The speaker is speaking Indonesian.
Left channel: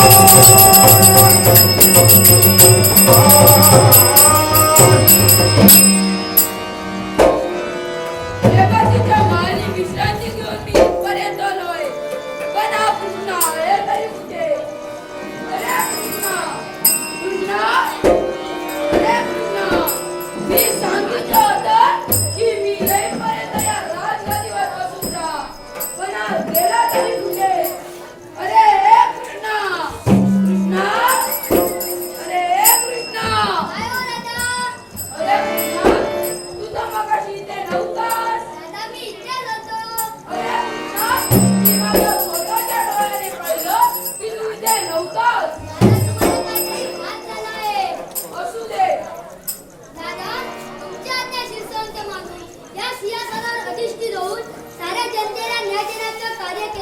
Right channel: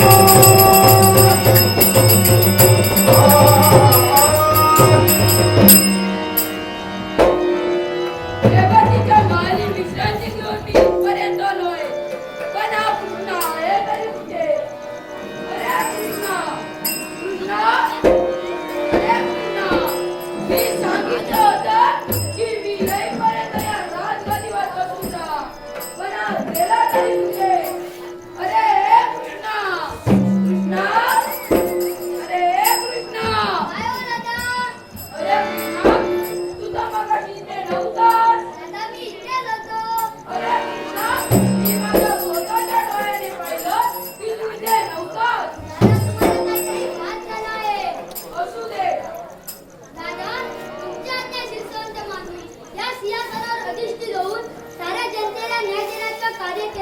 Thank you.